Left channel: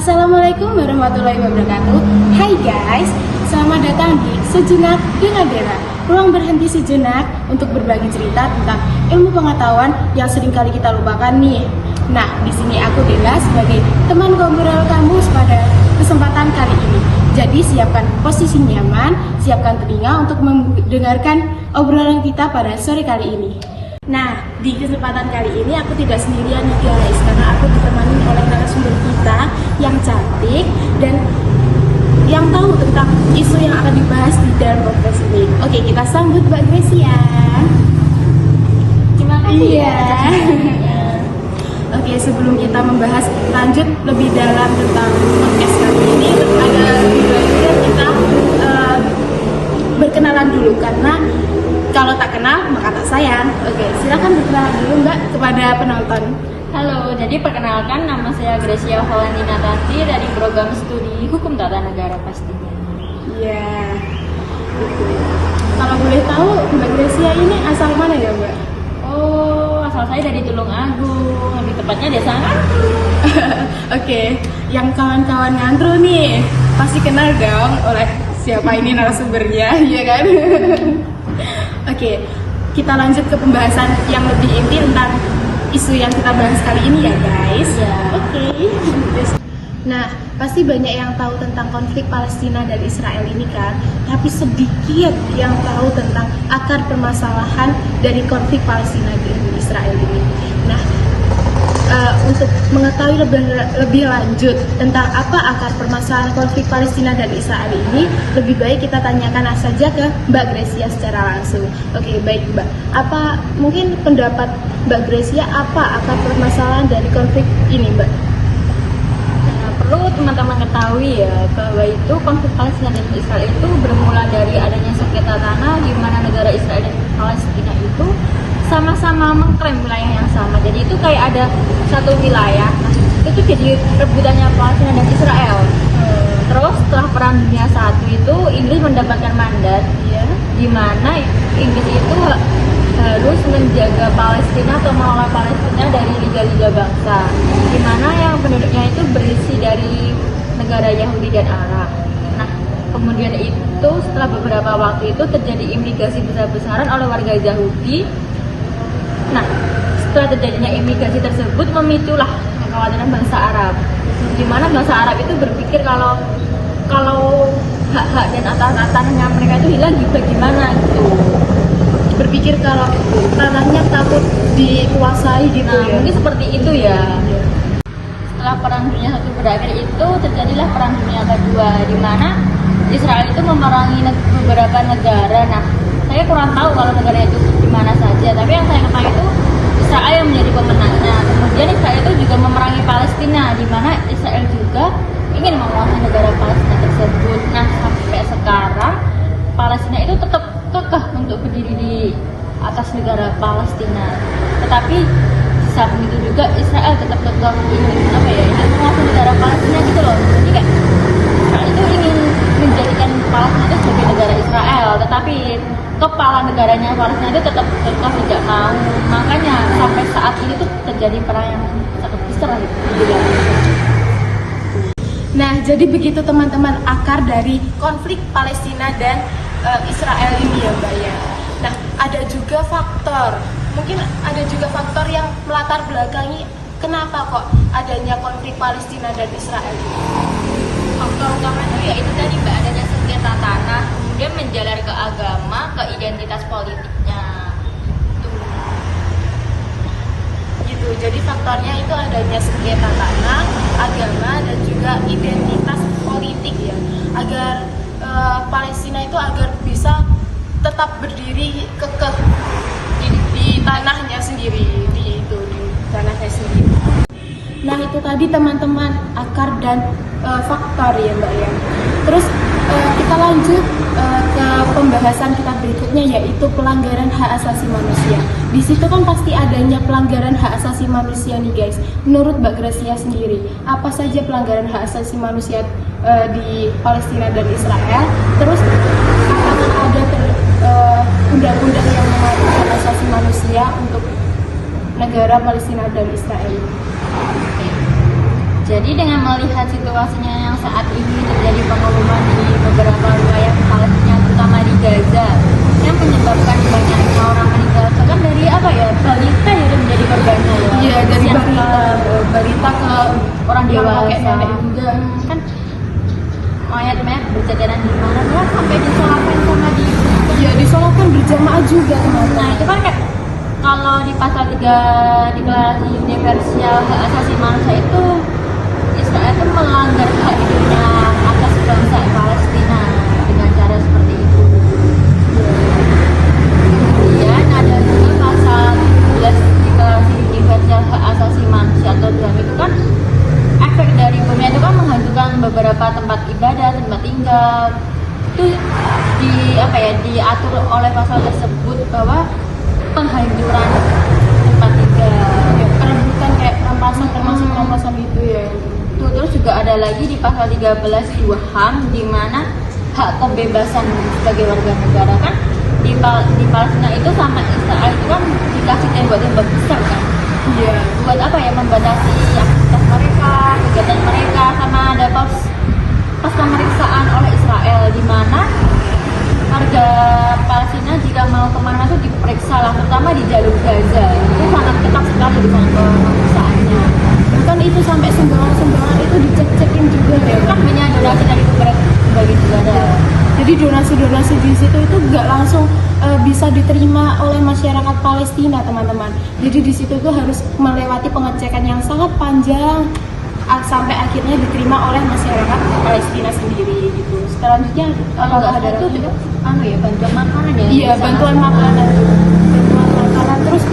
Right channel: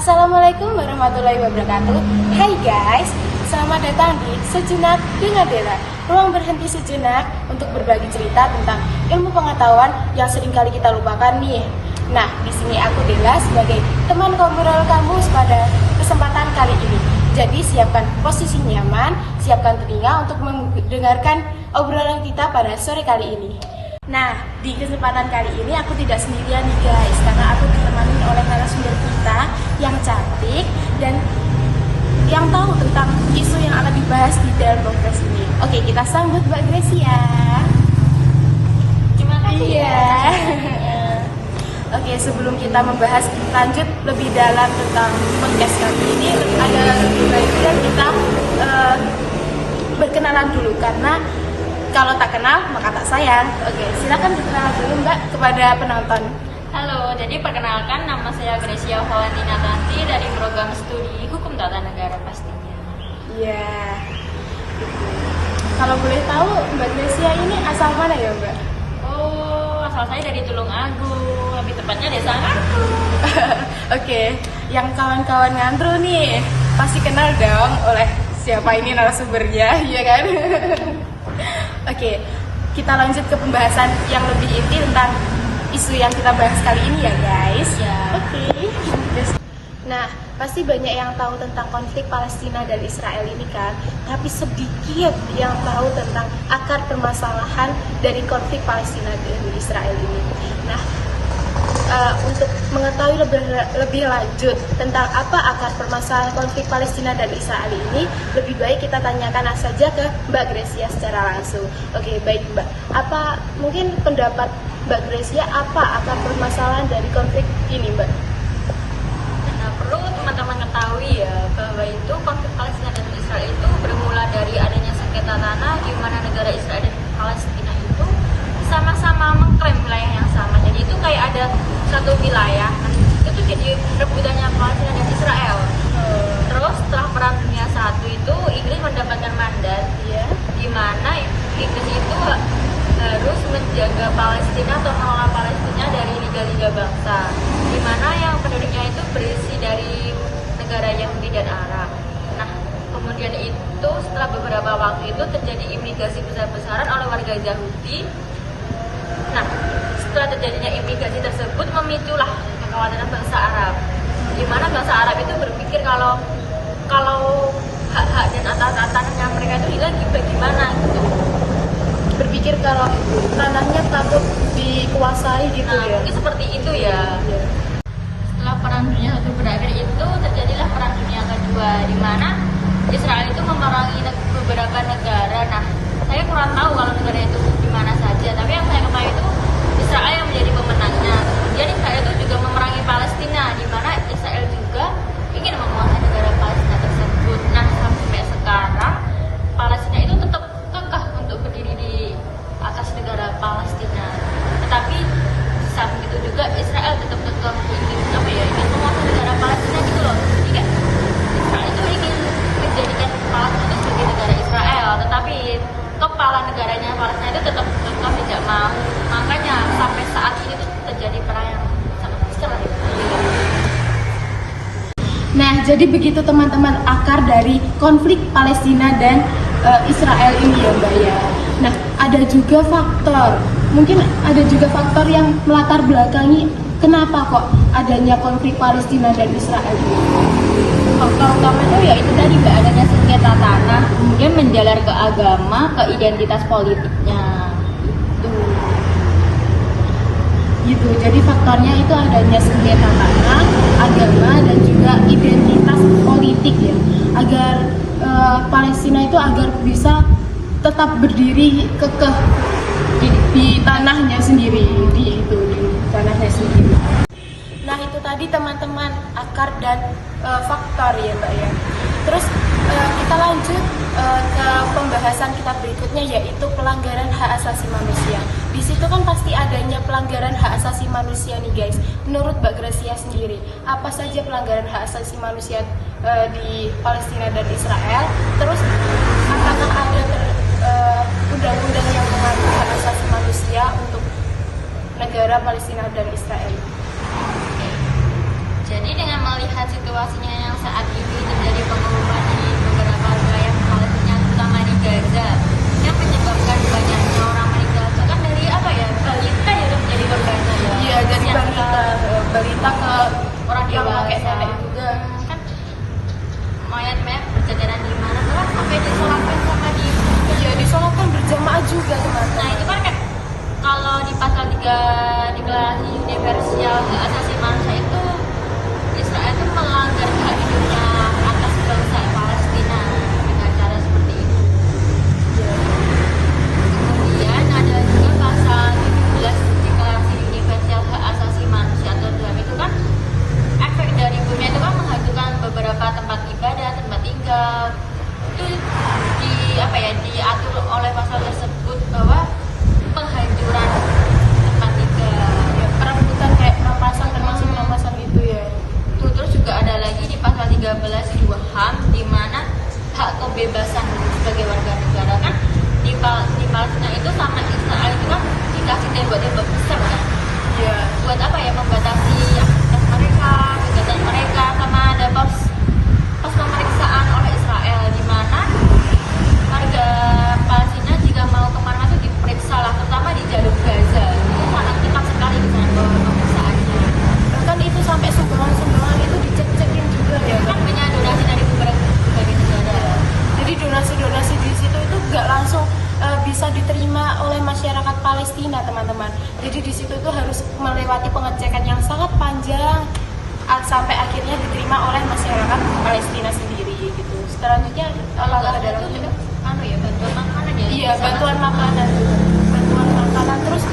Assalamualaikum warahmatullahi wabarakatuh. Hai guys, selamat datang di Sejenak dengan Bella. Ruang berhenti sejenak untuk berbagi cerita tentang ilmu pengetahuan yang sering kali kita lupakan nih. Nah, di sini aku Bella sebagai teman ngobrol kamu pada kesempatan kali ini. Jadi siapkan posisi nyaman, siapkan telinga untuk mendengarkan obrolan kita pada sore kali ini. Nah, di kesempatan kali ini aku tidak sendirian nih guys, karena aku ditemani oleh narasumber kita yang cantik dan yang tahu tentang isu yang akan dibahas di dalam podcast ini. Oke, kita sambut Mbak Gracia. Terima kasih ya. Oke, sebelum kita membahas lanjut lebih dalam tentang podcast kali ini, ada baiknya kita berkenalan dulu, karena kalau tak kenal maka tak sayang. Oke, silakan berkenalan dulu Mbak kepada penonton. Halo, jadi perkenalkan nama saya Gracia Valentina Tanti dari program studi Hukum Tata Negara pastinya. Iya. Kalau boleh tahu Mbak Gracia ini asal mana ya Mbak? Oh, asal saya dari Tulungagung, lebih tepatnya Desa Ngantru. Oke, yang kawan-kawan Ngantru nih pasti kenal dong oleh siapa ini narasumbernya, ya kan? Oke, kita lanjut ke pembahasan yang lebih inti tentang isu yang kita bahas kali ini ya guys. Ya. Oke. Nah, pasti banyak yang tahu tentang konflik Palestina dan Israel ini kan, tapi sedikit yang tahu tentang akar permasalahan dari konflik Palestina dan Israel ini. Nah, untuk mengetahui lebih lanjut tentang apa akar permasalahan konflik Palestina dan Israel ini, lebih baik kita tanyakan saja ke Mbak Gracia secara langsung. Oke, baik Mbak. Apa mungkin pendapat Mbak Gracia apa akar permasalahan dari konflik ini, Mbak? Nah, perlu teman-teman ketahui ya bahwa itu konflik Palestina dan Israel itu bermula dari adanya sengketa tanah di mana negara Israel dan Palestina itu sama-sama mengklaim wilayah yang sama. Jadi itu kayak ada satu wilayah. Nah, itu tuh jadi rebutannya Palestina dan Israel. Terus setelah Perang Dunia I itu Inggris mendapatkan mandat, di mana Inggris itu harus menjaga Palestina atau mengelola Palestina dari liga-liga bangsa, di mana yang penduduknya itu berisi dari negara Yahudi dan Arab. Nah, kemudian itu setelah beberapa waktu itu terjadi imigrasi besar-besaran oleh warga Yahudi. Nah, setelah terjadinya imigrasi tersebut memiculah kekhawatiran bangsa Arab, di mana bangsa Arab itu berpikir kalau hak-hak dan atas tanahnya mereka itu hilang bagaimana gitu. Berpikir kalau tanahnya takut dikuasai gitu. Nah, mungkin seperti itu ya. Setelah Perang Dunia I berakhir itu terjadilah Perang Dunia Kedua, di mana Israel itu memerangi beberapa negara. Nah, saya kurang tahu kalau negara itu di mana saja, tapi yang saya ketahui itu Israel yang menjadi pemenangnya. Kemudian Israel itu juga memerangi Palestina, di mana Israel juga ingin menguasai negara Palestina tersebut. Nah, sampai sekarang Palestina itu tetap kekeh untuk berdiri di atas negara Palestina. Tetapi samping itu juga Israel tetap ingin ingin menguasai negara Palestina gitu loh. Jadi kayak Israel itu ingin menjadikan Palestina itu sebagai negara Israel, tetapi kepala negaranya Palestina itu tetap tidak mau. Makanya sampai saat ini tuh terjadi perang yang sangat besar gitu. Nah, jadi begitu teman-teman akar dari konflik Palestina dan Israel ini ya Mbak ya. Nah, ada juga faktor yang melatar belakangi kenapa kok adanya konflik Palestina dan Israel ini. Faktor utama itu yaitu tadi Mbak, adanya sengketa tanah, kemudian menjalar ke agama, ke identitas politiknya. Gitu. Jadi faktornya itu adanya sengketa tanah, agama dan juga identitas politik ya. Agar Palestina itu agar bisa tetap berdiri kekeh di tanahnya sendiri, di tanahnya sendiri. Nah, itu tadi teman-teman akar dan faktor ya Mbak ya. Terus kita lanjut ke pembahasan kita berikutnya, yaitu pelanggaran hak asasi manusia. Di situ kan pasti adanya pelanggaran hak asasi manusia nih guys. Menurut Mbak Gracia sendiri, apa saja pelanggaran hak asasi manusia di Palestina dan Israel? Terus apakah ada undang-undang yang mengatur hak asasi manusia untuk negara Palestina dan Israel? Jadi dengan melihat situasinya yang saat ini terjadi pengumuman di beberapa wilayah Palestina, terutama di Gaza, yang menyebabkan banyaknya orang meninggal, bahkan dari balita ya menjadi korbannya ya. Iya, dari Yang balita ke orang dewasa. Enggak. Kan mayat-mayat berceceran di mana, bahkan sampai disolatkan sama Ya disolatkan berjamaah juga teman-teman. Nah itu kan kayak kalau di pasal 3 Deklarasi Universal Hak Asasi Manusia itu Israel itu melanggar haknya atas bangsa Palestina dengan cara seperti itu. Kemudian ada juga pasal 17 Deklarasi Universal Hak Asasi Manusia atau DHM itu kan efek dari bumi itu kan menghancurkan beberapa tempat ibadah, tempat tinggal. Itu diatur oleh pasal tersebut bahwa penghancuran tempat tinggal, perebutan kayak perampasan termasuk perampasan gitu ya. Terus juga ada lagi di pasal 13 HAM di mana hak kebebasan sebagai warga negara kan di Palestina itu sama Israel itu kan dikasih tembok-tembok besar kan. Iya. Buat apa ya, membatasi aktivitas mereka, kegiatan mereka, sama ada pas pemeriksaan oleh Israel di mana warga Palestina jika mau kemana itu diperiksa lah, terutama di jalur Gaza. Itu sangat ketat sekali dengan pemeriksaannya. Bahkan itu sampai sumbangan-sumbangan itu dicek-cekin juga ya. Itu kan banyak donasi dari berbagai negara. Jadi donasi-donasi di situ itu nggak langsung bisa diterima oleh masyarakat Palestina teman-teman. Jadi di situ tuh harus melewati pengecekan yang sangat panjang sampai akhirnya diterima oleh masyarakat Palestina sendiri gitu. Selanjutnya Kalau ada itu juga bantuan makanan ya. Iya, bantuan makanan. Terus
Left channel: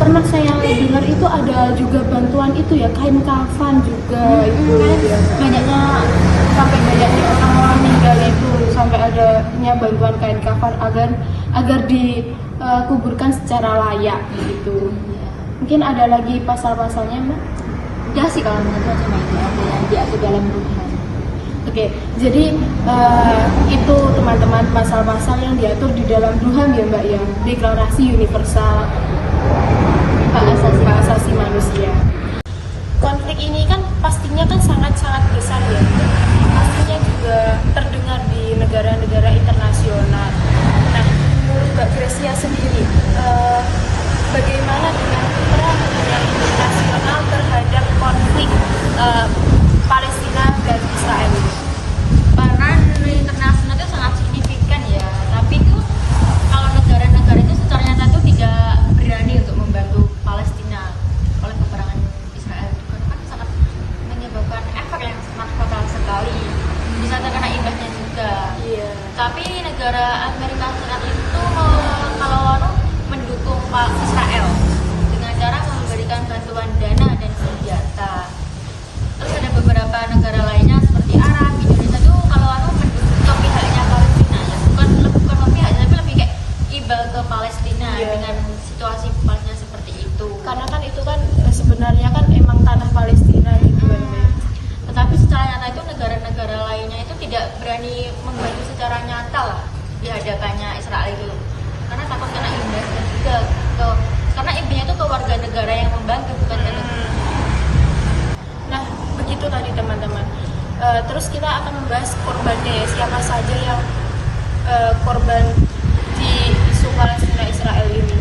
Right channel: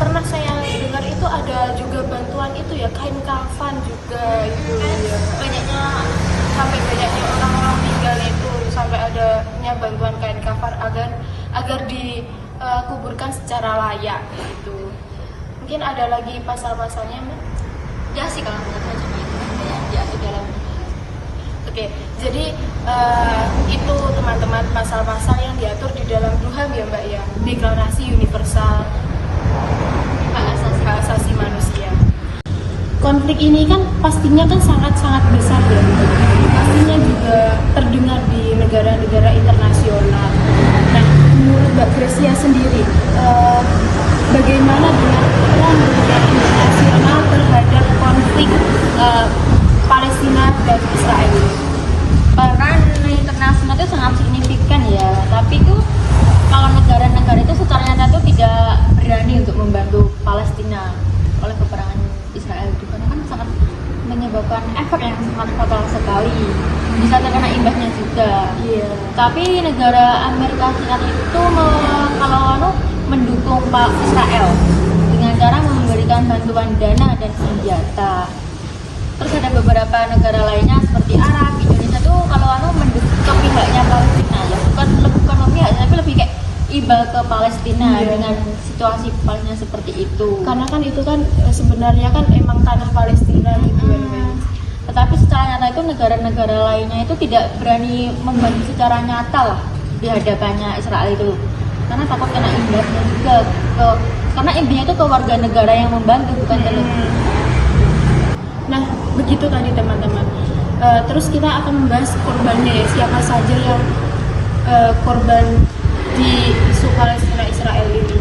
pernah saya dengar itu ada juga bantuan itu ya, kain kafan juga itu ya. Banyaknya orang-orang meninggal itu sampai adanya bantuan kain kafan agar dikuburkan secara layak gitu. Mungkin ada lagi pasal-pasalnya, Mbak? Ya sih kalau menurut saya cuma itu aja yang diatur dalam Tuhan. Oke, jadi itu teman-teman pasal-pasal yang diatur di dalam Tuhan ya Mbak ya, Deklarasi Universal Hak Asasi Manusia. Konflik ini kan pastinya kan sangat-sangat besar ya, pastinya juga terdengar di negara-negara internasional. Nah, menurut Mbak Gracia sendiri, bagaimana dengan peran dunia internasional terhadap konflik Palestina dan Israel? Peran dunia internasional itu sangat signifikan ya, tapi itu kalau negara-negara itu secara nyata itu tidak berani untuk membantu Palestina oleh peperangan Israel itu, karena kan sangat menyebabkan efek yang sangat fatal sekali, bisa terkena imbasnya juga. Iya. Tapi negara Amerika Serikat itu mendukung Israel dengan cara memberikan bantuan dana dan senjata. Terus ada beberapa negara lainnya seperti Arab, Indonesia tuh kalau mendukung pihaknya Palestina ya, bukan pihaknya tapi lebih kayak iba ke Palestina dengan situasi Palestina seperti itu. Karena kan itu kan sebenarnya kan emang tanah Palestina gitu ya. Tetapi secara nyata itu negara-negara lainnya itu tidak berani membantu secara nyata lah di hadapannya Israel itu, karena takut kena imbasnya juga karena imbasnya itu ke warga negara yang membantu, bukan ke Nah, begitu tadi teman-teman. Terus kita akan membahas korbannya ya, siapa saja yang korban di isu Palestina Israel ini.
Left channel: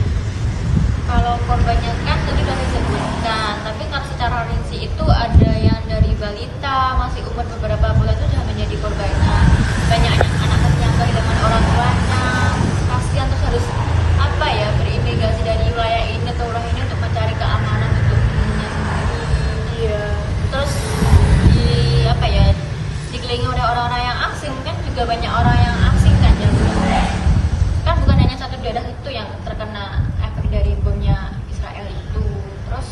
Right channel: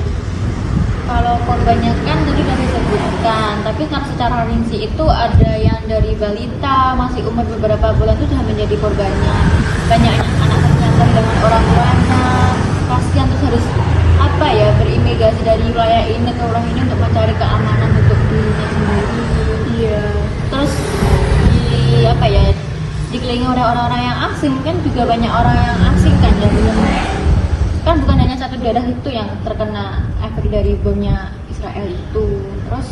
Kalau korbannya kan tadi sudah disebutkan, tapi kan secara rinci itu ada yang dari balita masih umur beberapa bulan itu sudah menjadi korbannya. Banyak anak kecil yang kehilangan orang tuanya, kasihan, terus harus berimigrasi dari wilayah ini ke wilayah ini untuk mencari keamanan untuk dirinya sendiri. Iya. Terus dikelilingi oleh orang-orang yang asing, kan juga banyak orang yang asing kan ya, kan bukan hanya satu daerah itu yang terkena efek dari bomnya Israel itu. Terus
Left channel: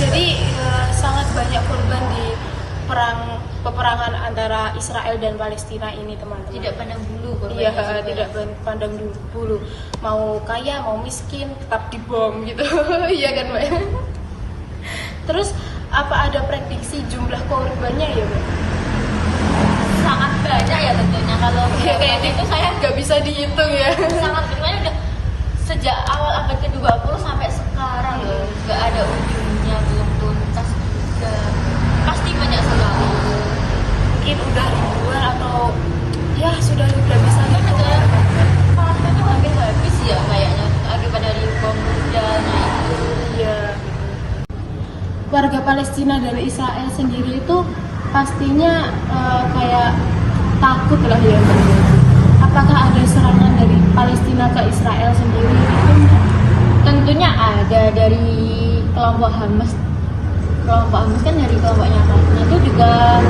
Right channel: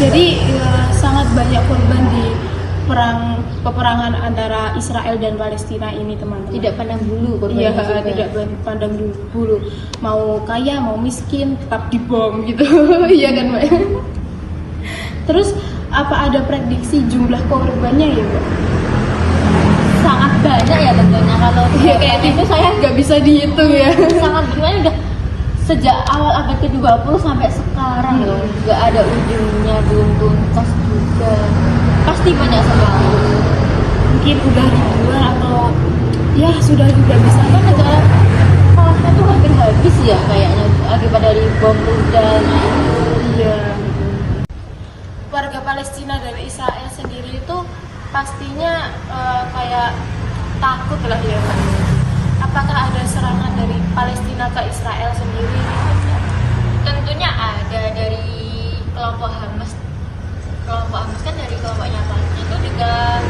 jadi sangat banyak korban di peperangan antara Israel dan Palestina ini teman-teman. tidak pandang bulu korbannya. Iya, tidak pandang bulu, mau kaya mau miskin tetap dibom gitu. Iya kan Mbak? Terus apa ada prediksi jumlah korbannya ya Mbak? Sangat banyak ya tentunya. Kalau korbannya itu saya nggak bisa dihitung ya. sangat banyak, udah sejak awal abad ke-20 sampai sekarang loh, nggak ada ujungnya, belum tuntas juga. Pasti banyak sekali. Mungkin udah ribuan atau ya sudah tidak bisa. Atau negara Palestina tuh hampir habis ya kayaknya, akibat dari bom rudalnya itu. Ya. Warga Palestina dan Israel sendiri itu pastinya kayak takut lah ya. Apakah ada serangan dari Palestina ke Israel sendiri? Tentunya ada dari kelompok Hamas. Kelompok Hamas kan dari kelompoknya Palestina itu juga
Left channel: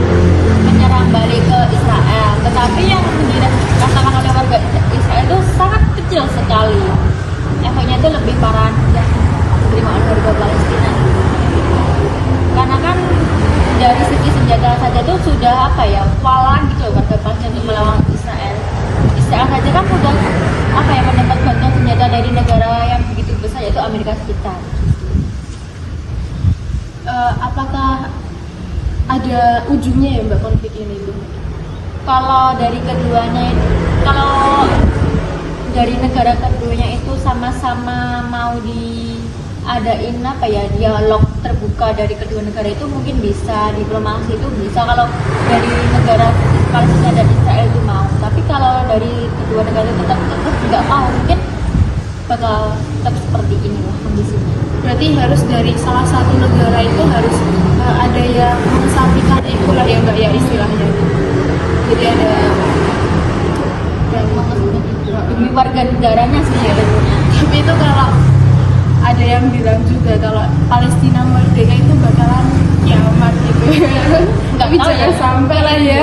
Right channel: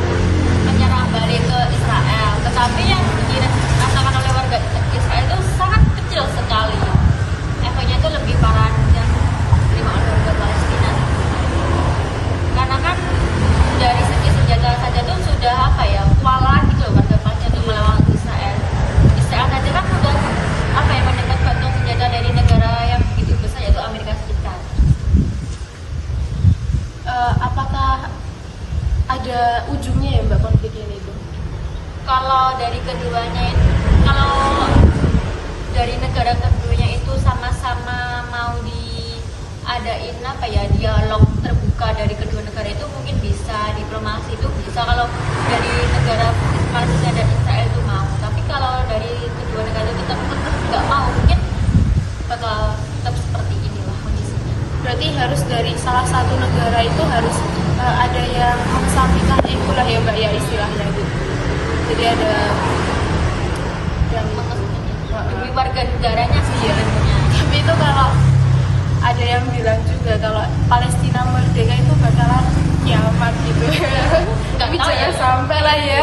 menyerang balik ke Israel. Tetapi yang dirasakan oleh warga Israel itu sangat kecil sekali. Efeknya itu lebih parah yang diterima oleh warga Palestina. Karena kan dari segi senjata saja itu sudah kewalahan gitu loh warga Palestina untuk melawan Israel. Israel saja kan sudah mendapat bantuan senjata dari negara yang begitu besar, yaitu Amerika Serikat. Apakah ada ujungnya ya Mbak konflik ini itu? Kalau dari negara keduanya itu sama-sama mau diadain dialog terbuka dari kedua negara itu mungkin bisa, diplomasi itu bisa kalau dari negara Palestina dan Israel itu mau. Tapi kalau dari kedua negara itu tetap nggak mau, mungkin bakal tetap seperti inilah kondisinya. Berarti harus dari salah satu negara itu harus ada yang mensatukan itulah ya Mbak ya istilahnya. Jadi ada yang demi warga negaranya sih sebenarnya. Tapi itu kalau ada yang bilang juga kalau Palestina merdeka itu bakalan kiamat gitu. Nggak tahu ya. Sampai lah ya.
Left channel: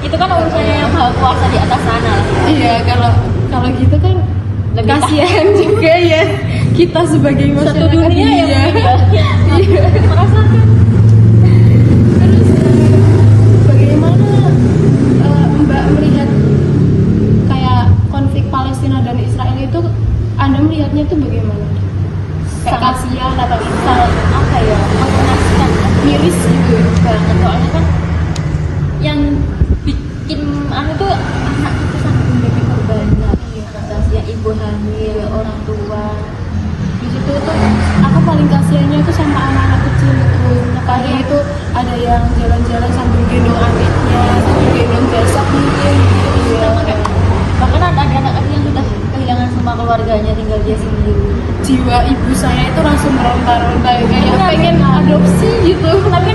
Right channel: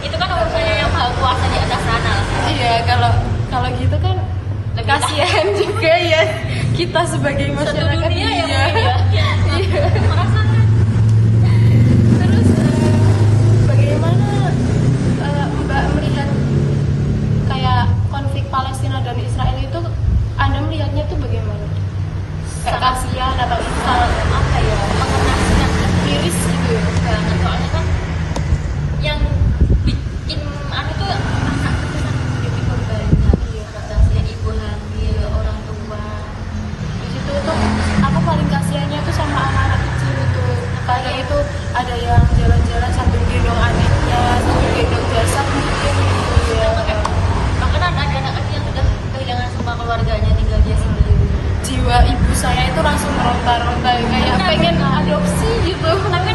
Itu kan urusannya yang maha kuasa di atas sana lah. Iya, kalau gitu kan Lebih kasihan juga ya kita sebagai masyarakat satu dunia ya mungkin ya. Iya. Merasakan. Terus bagaimana Mbak melihat kayak konflik Palestina dan Israel itu, Anda melihatnya itu bagaimana? Kayak kasihan atau sangat mengenaskan, miris gitu banget. Soalnya kan yang bikin tuh anak itu sampai menjadi korbannya, yang ibu hamil, orang tua. gitu itu aku paling kasihannya tuh sama anak-anak kecil itu. Pagi itu ada yang jalan-jalan sambil gendong adiknya, sambil gendong jasad mungkin gitu ya. Bahkan ada anak-anak yang sudah kehilangan semua keluarganya, tinggal dia sendiri. Jiwa ibu saya itu langsung meronta-ronta kayak pengen adopsi gitu, tapi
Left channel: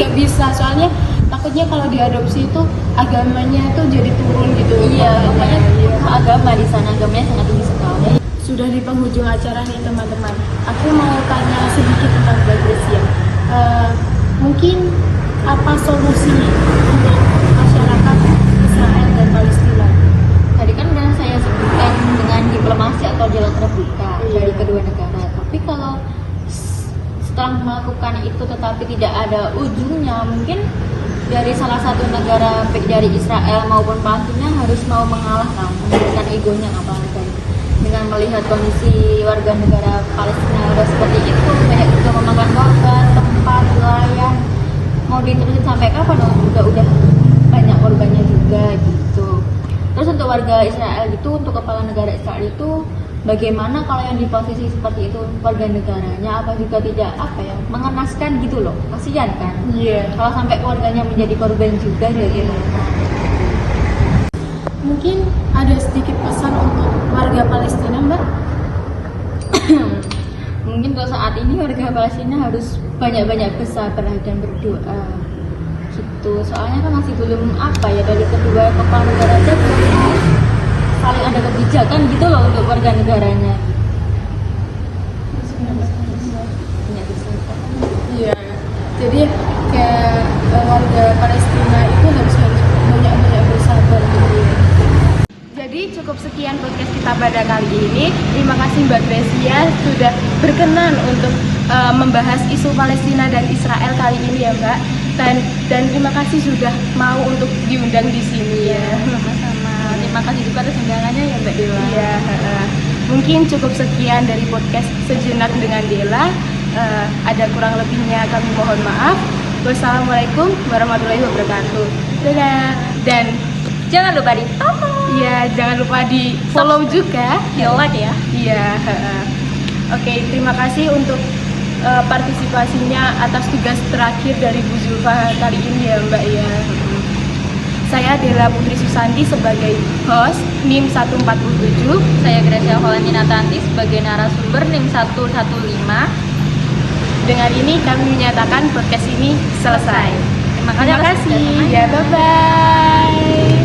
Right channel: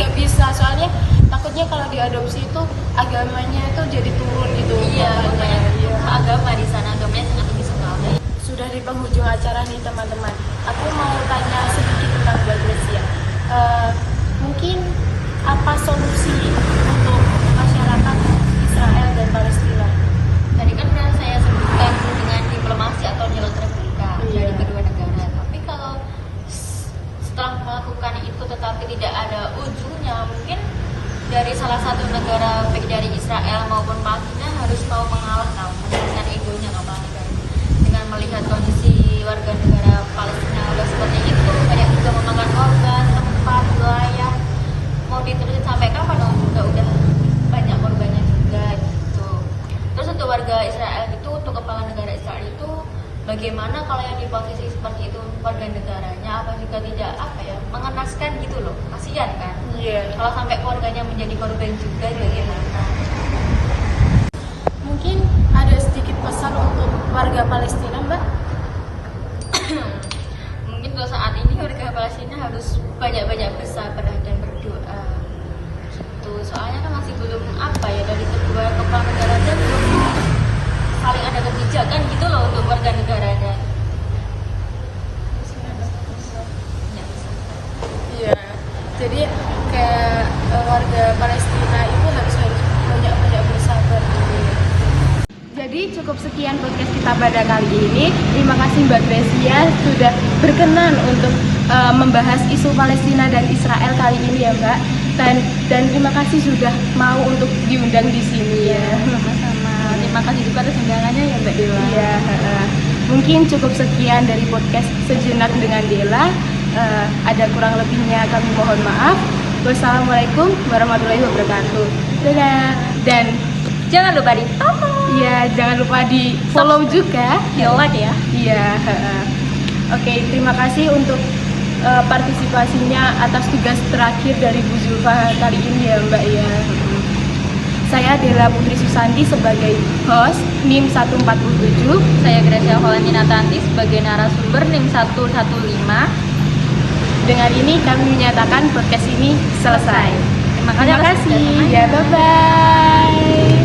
nggak bisa, soalnya takutnya kalau diadopsi itu agamanya itu jadi turun gitu. Iya, makanya agama di sana agamanya sangat tinggi sekali. Sudah di penghujung acara nih teman-teman, aku mau tanya sedikit tentang Mbak Grecia. Mungkin apa solusi untuk masyarakat Israel dan Palestina? Tadi kan udah saya sebutkan dengan diplomasi atau dialog terbuka dari kedua negara. Tapi kalau setelah melakukan itu tetapi tidak ada ujungnya, mungkin dari salah satu negara baik dari Israel maupun Palestina harus mau mengalah, menurunkan egonya kepala negara. Dengan melihat kondisi warga negara Palestina udah seperti itu, banyak juga memakan korban, tempat, wilayah, mau diterusin sampai kapan juga udah banyak korbannya juga gitu. Terus untuk warga Israel itu, untuk kepala negara Israel itu, bagaimana kalau yang di posisi seperti itu warga negaranya, apa juga tidak mengenaskan gitu loh, kasihan kan? Iya. Kalau sampai keluarganya menjadi korban juga bagaimana? Mungkin ada sedikit pesan untuk warga Palestina, Mbak? Mungkin untuk saat ini warga Palestina harus banyak-banyak bersabar dan berdoa gitu. Soalnya kan masih belum dari kedua kepala negara aja belum saling ada kebijakan gitu loh untuk warga negaranya. Iya. Jadi kayak warga Palestina itu harus banyak-banyak bersabar gitu ya. Jadi cukup sekian podcast kita pada kali ini. Terima kasih Mbak Grecia sudah berkenan untuk membahas isu Palestina dan Israel kali ini ya Mbak. Dan terima kasih sudah mau untuk diundang di sini ya. Sama-sama. Terima kasih juga atas undangannya ya Mbak Dela. Iya. Mungkin cukup sekian dari podcast Sejenak dengan Dela. Ada kurang lebihnya kami mohon maaf. Wassalamualaikum warahmatullahi wabarakatuh. Dadah. Dan Jangan lupa di follow, ya jangan lupa di follow juga, di like ya. Iya. Oke, terima kasih untuk partisipasinya atas tugas terakhir dari Bu Zulfa kali ini ya Mbak ya. Saya Dela Putri Susanti sebagai host NIM 147. Saya Gracia Valentina Tanti sebagai narasumber NIM 115. Dengan ini kami menyatakan podcast ini selesai. Terima Terima atas kasih. kedatangannya. Ya, bye-bye.